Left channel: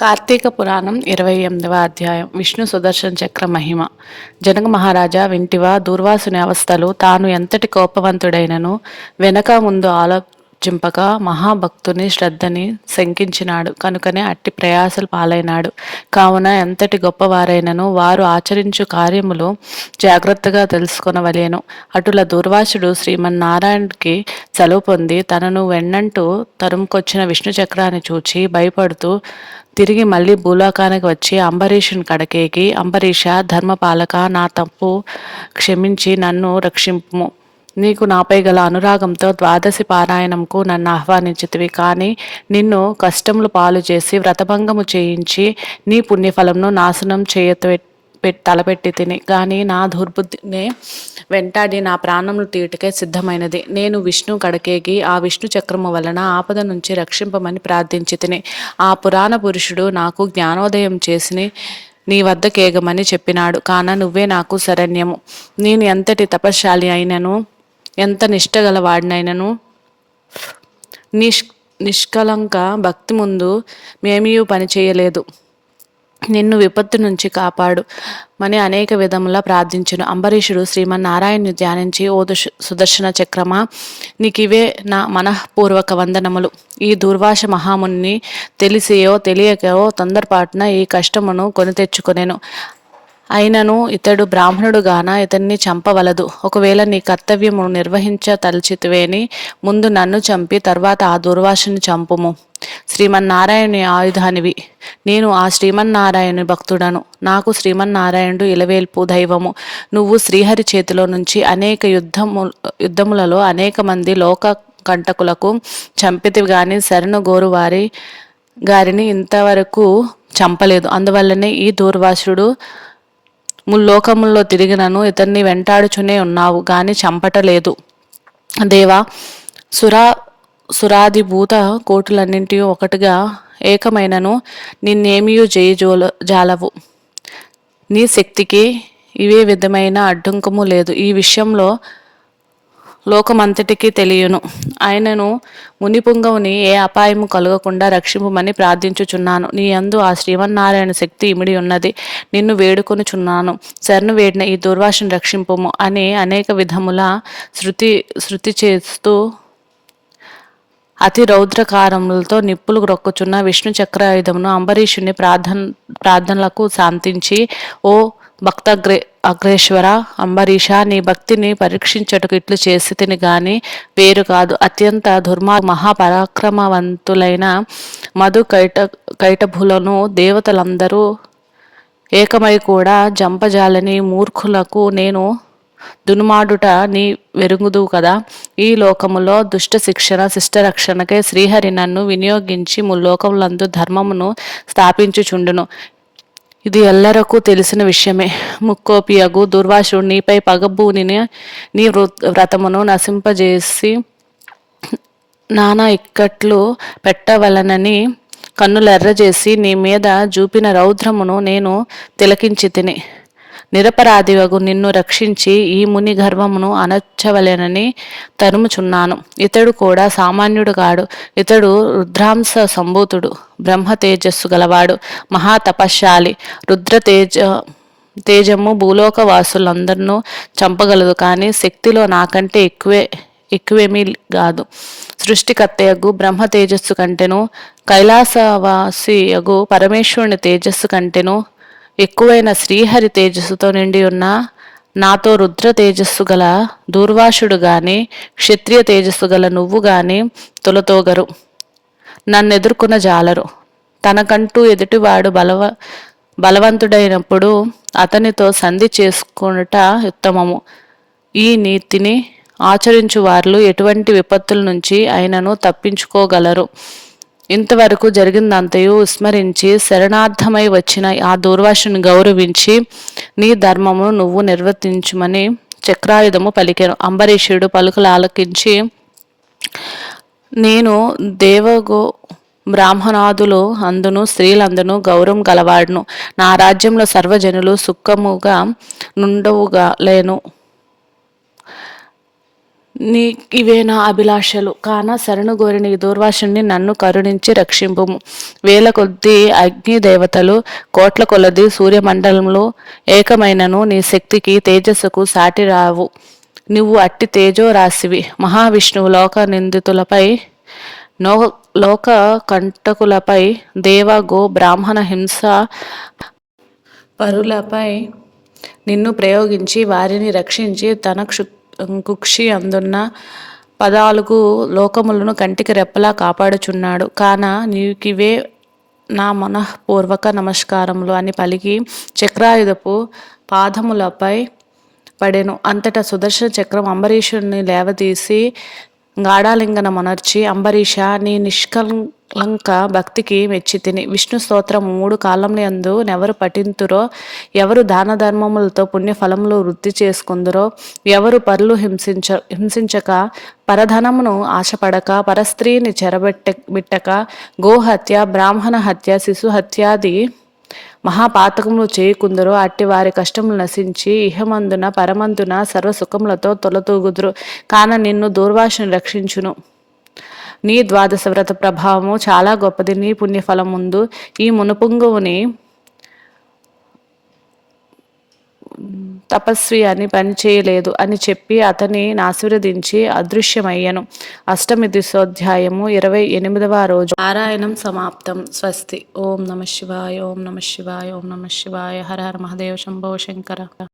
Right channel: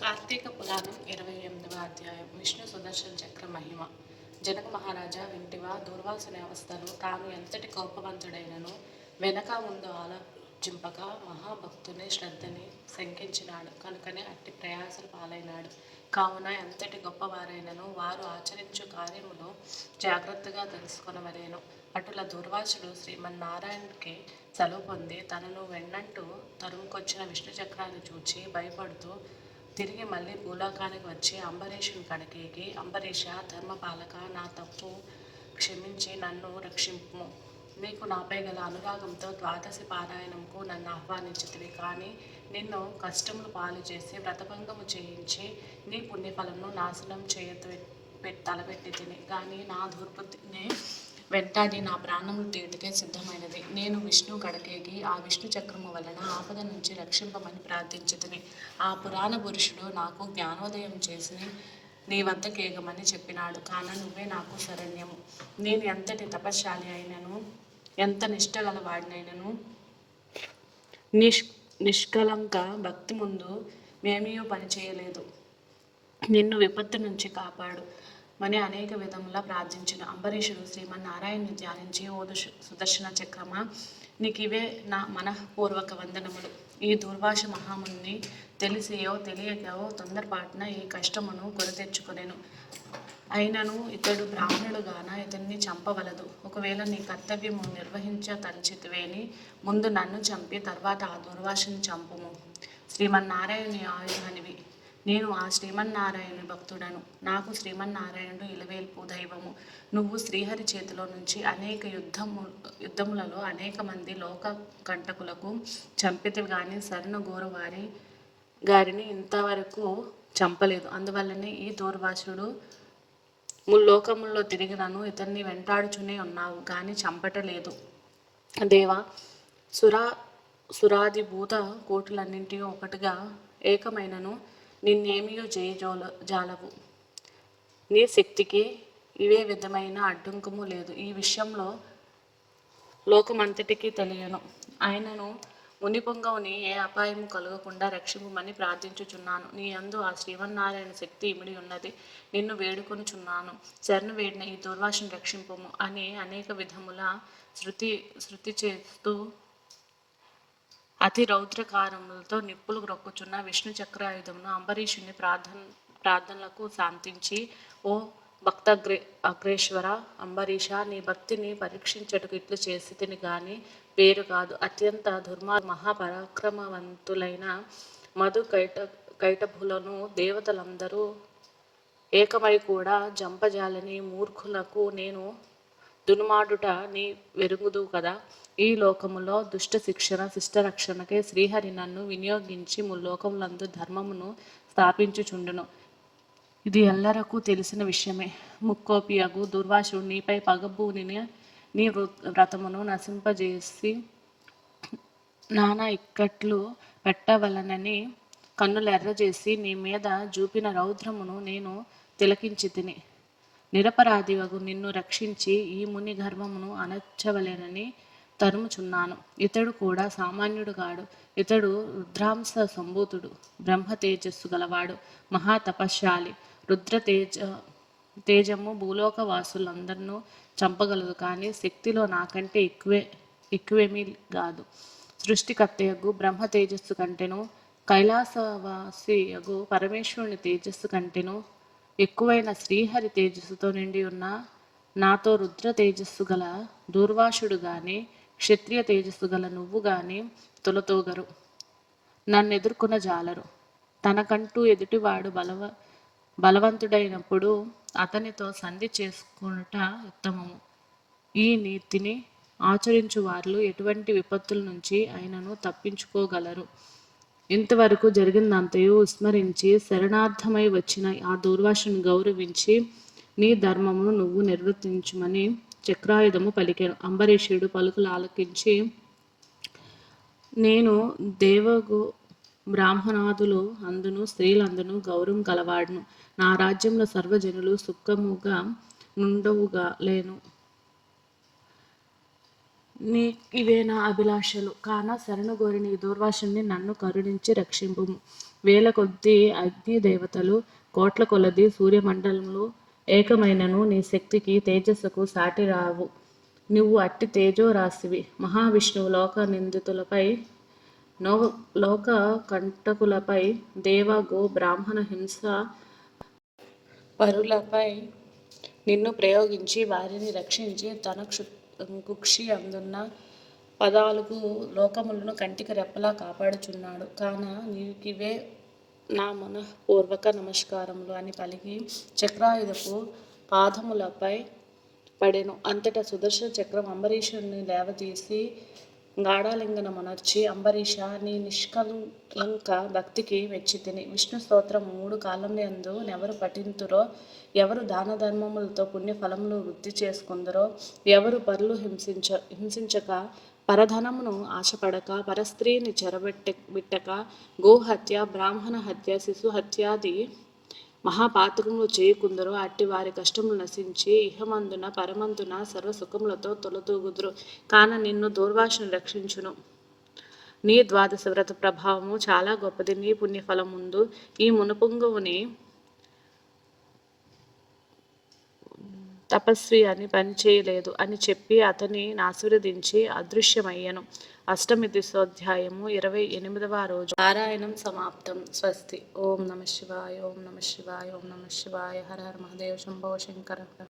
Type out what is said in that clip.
కార్తీక పురాణం 28వ అధ్యాయం. విష్ణు సుదర్శన చక్ర మహిమ. జనక మహారాజా వింటివా, దూర్వాసుని అవస్థలు. తాను ఎంతటి కోపవంతుడైనను వెనక ముందు ఆలోచింపక మహాభక్తుని శ్రద్ధని శంకించినాడు కనుకనే అట్టి ప్రయాసలు పాలైనాడు. కావున ఎంతటి గొప్పవారైనను వారు ఆచరించు కార్యములు జాగ్రత్తగా తెలుసుకొనవలెను. అటుల దూర్వాసుడు శ్రీమన్నారాయణుడికి సెలవు పొంది తనను వెన్నంటూ తరుముకొచ్చిన విష్ణు చక్రాన్ని చూచి భయపడుతూ తిరిగి మళ్ళీ భూలోకానికి వచ్చి అంబరీషుని కడకేకి, అంబరీష, ధర్మపాలక, నా తప్పు క్షమించి నన్ను రక్షింపుము. నీకు నాపై గల అనురాగంతో ద్వాదశి పారాయణంకు నన్ను ఆహ్వానించితివి. కానీ నిన్ను కష్టములు పాలు చేసి వ్రతభంగము చేయించి నీ పుణ్యఫలంను నాశనం తలపెట్టి తిని. కానీ నా దుర్బుద్ధినే వెంటాడి నా ప్రాణములు తీయుటకే సిద్ధమైనది. నేను విష్ణు కడకేగి ఆ విష్ణు చక్రము వలన ఆపద నుంచి రక్షింపమని ప్రార్థించి తిని. ఆ పురాణ పురుషుడు నాకు జ్ఞానోదయం చేసి నీ వద్దకేగమని చెప్పినాడు. కాన నువ్వే నాకు శరణ్యము. నేను ఎంతటి తపశ్శాలి అయినను, ఎంత నిష్టగల వాడినైనను నిష్కలంక భక్తి ముందు మేమియూ పని చేయలేదు. నిన్ను విపత్తు నుంచి కాపాడు మని అనేక విధములా ప్రార్థించును. అంబరీషుడు శ్రీమన్నారాయణ్ణి ధ్యానించి, ఓ సుదర్శన చక్రమా, నీకివే నా మనఃపూర్వక వందనములు. ఈ దూర్వాస మహాముని తెలిసియో తెలియకయో తొందరపాటున ఈ కష్టమును కొని తెచ్చుకొనెను. అయినను ఇతడు బ్రాహ్మణుడుగాన ఇతన్ని చంపవలదు. ఒకవేళ నీ కర్తవ్యము నిర్వహించతలచితివేని ముందు నన్ను చంపి తర్వాత ఆ దుర్వాసుని చంపుము. శ్రీమన్నారాయణుని ఆయుధానివి. నేను ఆ శ్రీమన్నారాయణుని భక్తుడను. నాకు శ్రీమన్నారాయణుడు ఇలవేల్పు దైవము. నువ్వు శ్రీహరి చేతిలో నుంచి అనేక యుద్ధములలో అనేక మంది లోక కంటకులకు చంపితివి గాని శరణు గోరువారి గారిని ఇంతవరకు చంపలేదు. అందువల్లనే ఈ దూర్వాసుడు ముల్లోకముల్లో తిరిగినను ఇతన్ని వెంటాడుచునే ఉన్నావు గాని చంపటలేదు. దేవా, సురాదిభూత కోటులన్నింటి ఒకటిగా ఏకమైనను నిన్నేమియూ జాలవు. నీ శక్తికి ఇవే విధమైన అడ్డంకము లేదు. ఈ విషయంలో లోకమంతటికీ తెలియను. ఆయనను మునిపుంగవుని ఏ అపాయము కలగకుండా రక్షింపుమని ప్రార్థించుచున్నాను. నీ యందు ఆ శ్రీమన్నారాయణ శక్తి ఇమిడి ఉన్నది. నిన్ను వేడుకొనుచున్నాను. శరణు వేడిన ఈ దుర్వాసుని రక్షింపుము అని అనేక విధముల శృతి చేస్తూ అతి రౌద్రకారములతో నిప్పులు రొక్కుచున్న విష్ణు చక్రాయుధమును అంబరీషుని ప్రార్థనలకు శాంతించి, ఓ అగ్రేశ్వర అంబరీష, నీ భక్తిని పరీక్షించటకు ఇట్లు చేసి తిని గాని వేరు కాదు. అత్యంత మహాపరాక్రమవంతులైన మధు కైటభులను దేవతలందరూ ఏకమై కూడా జంపజాలని మూర్ఖులకు నేను దునుమాడుట నీ వెరుగుదు కదా. ఈ లోకములో దుష్ట శిక్షణ శిష్టరక్షణకే శ్రీహరి నన్ను వినియోగించి ముల్లోకములందు ధర్మమును స్థాపించుచుండును. ఇది ఎల్లరకు తెలిసిన విషయమే. ముక్కోపియగు దుర్వాసుడు నీపై పగబూని నీ వ్రతమును నశింపజేసి నానా ఇక్కట్లు పెట్టవలనని కన్నులెర్రజేసి నీ మీద చూపిన రౌద్రమును నేను తిలకించి తిని. నిరపరాధివగు నిన్ను రక్షించి ఈ ముని గర్వమును అనర్చవలెనని తరుముచున్నాను. ఇతడు కూడా సామాన్యుడు కాడు. ఇతడు రుద్రాంశ సంభూతుడు, బ్రహ్మ తేజస్సు గలవాడు, మహాతపశ్శాలి. తేజము భూలోక వాసులందరినూ చంపగలదు. కానీ శక్తిలో నాకంటే ఎక్కువేమీ కాదు. సృష్టికర్తయగు బ్రహ్మ తేజస్సు కంటెను, కైలాసవాసియగు పరమేశ్వరుని తేజస్సు కంటెను ఎక్కువైన శ్రీహరి తేజస్సుతో నిండి ఉన్న నాతో రుద్ర తేజస్సు గల దూర్వాసుడు గాని క్షత్రియ తేజస్సు గల నువ్వు గాని తొలతోగరు, నన్నెదుర్కొన్న జాలరు. తనకంటూ ఎదుటివాడు బలవంతుడైనప్పుడు అతనితో సంధి చేసుకొనుట ఉత్తమము. ఈ నీతిని ఆచరించు వారు ఎటువంటి విపత్తుల నుంచి అయినను తప్పించుకోగలరు. ఇంతవరకు జరిగిందంతయు విస్మరించి శరణార్థమై వచ్చిన ఆ దూర్వాసుని గౌరవించి నీ ధర్మమును నువ్వు నిర్వర్తించుమని చక్రాయుధము పలికెను. అంబరీషుడు పలుకులు ఆలకించి, నేను దేవగో బ్రాహ్మణాదులు అందును స్త్రీలందును గౌరవం గలవాడును. నా రాజ్యంలో సర్వజనులు సుఖముగా నుండవుగా లేను. నీ ఇవే నా అభిలాషలు కాన శరణుగోరిన ఈ దూర్వాసుని నన్ను కరుణించి రక్షింపుము. వేల కొద్దీ అగ్ని దేవతలు కోట్ల కొలది సూర్యమండలంలో ఏకమైనను నీ శక్తికి తేజస్సుకు సాటి రావు. నువ్వు అట్టి తేజో రాశివి. మహావిష్ణువు లోక నిందితులపై నో లోక కంటకులపై దేవ గో బ్రాహ్మణ హింస పరులపై నిన్ను ప్రయోగించి వారిని రక్షించి తన కుక్షి అందున్న 14 లోకములను కంటికి రెప్పలా కాపాడుచున్నాడు. కాన నీకివే నా మనఃపూర్వక నమస్కారములు అని పలికి చక్రాయుధపు పాదములపై పడెను. అంతటా సుదర్శన చక్రం అంబరీషుని లేవదీసి గాఢాలింగన మొనర్చి, అంబరీష నీ నిష్కలంక భక్తికి మెచ్చితిని. విష్ణు స్తోత్రం 3 కాలములందు నెవరు పఠింతురో, ఎవరు దాన ధర్మములతో పుణ్యఫలములు వృద్ధి చేసుకుందరో, ఎవరు పరులు హింసించక పరధనమును ఆశపడక పరస్త్రీని బిట్టక గోహత్య బ్రాహ్మణ హత్య శిశుహత్యాది మహాపాతకములు చేయకుందరో అట్టి వారి కష్టములు నశించి ఇహమందున పరమందున సర్వసుఖములతో తొలతూగుదురు. కాన నిన్ను దూర్వాసుని రక్షించును. నీ ద్వాదశ వ్రత ప్రభావము చాలా గొప్పది. నీ పుణ్యఫలం ముందు ఈ మునుపుంగువుని తపస్వి అని పని చేయలేదు అని చెప్పి అతని ఆశీర్వదించి అదృశ్యమయ్యను. అష్టమి దిశోధ్యాయము 28వ రోజు పారాయణం సమాప్తం. స్వస్తి. ఓం నమ శివాయ. ఓం నమ శివాయ. ఓం నమ శివాయ. హర హర మహాదేవ శంభో శంకర.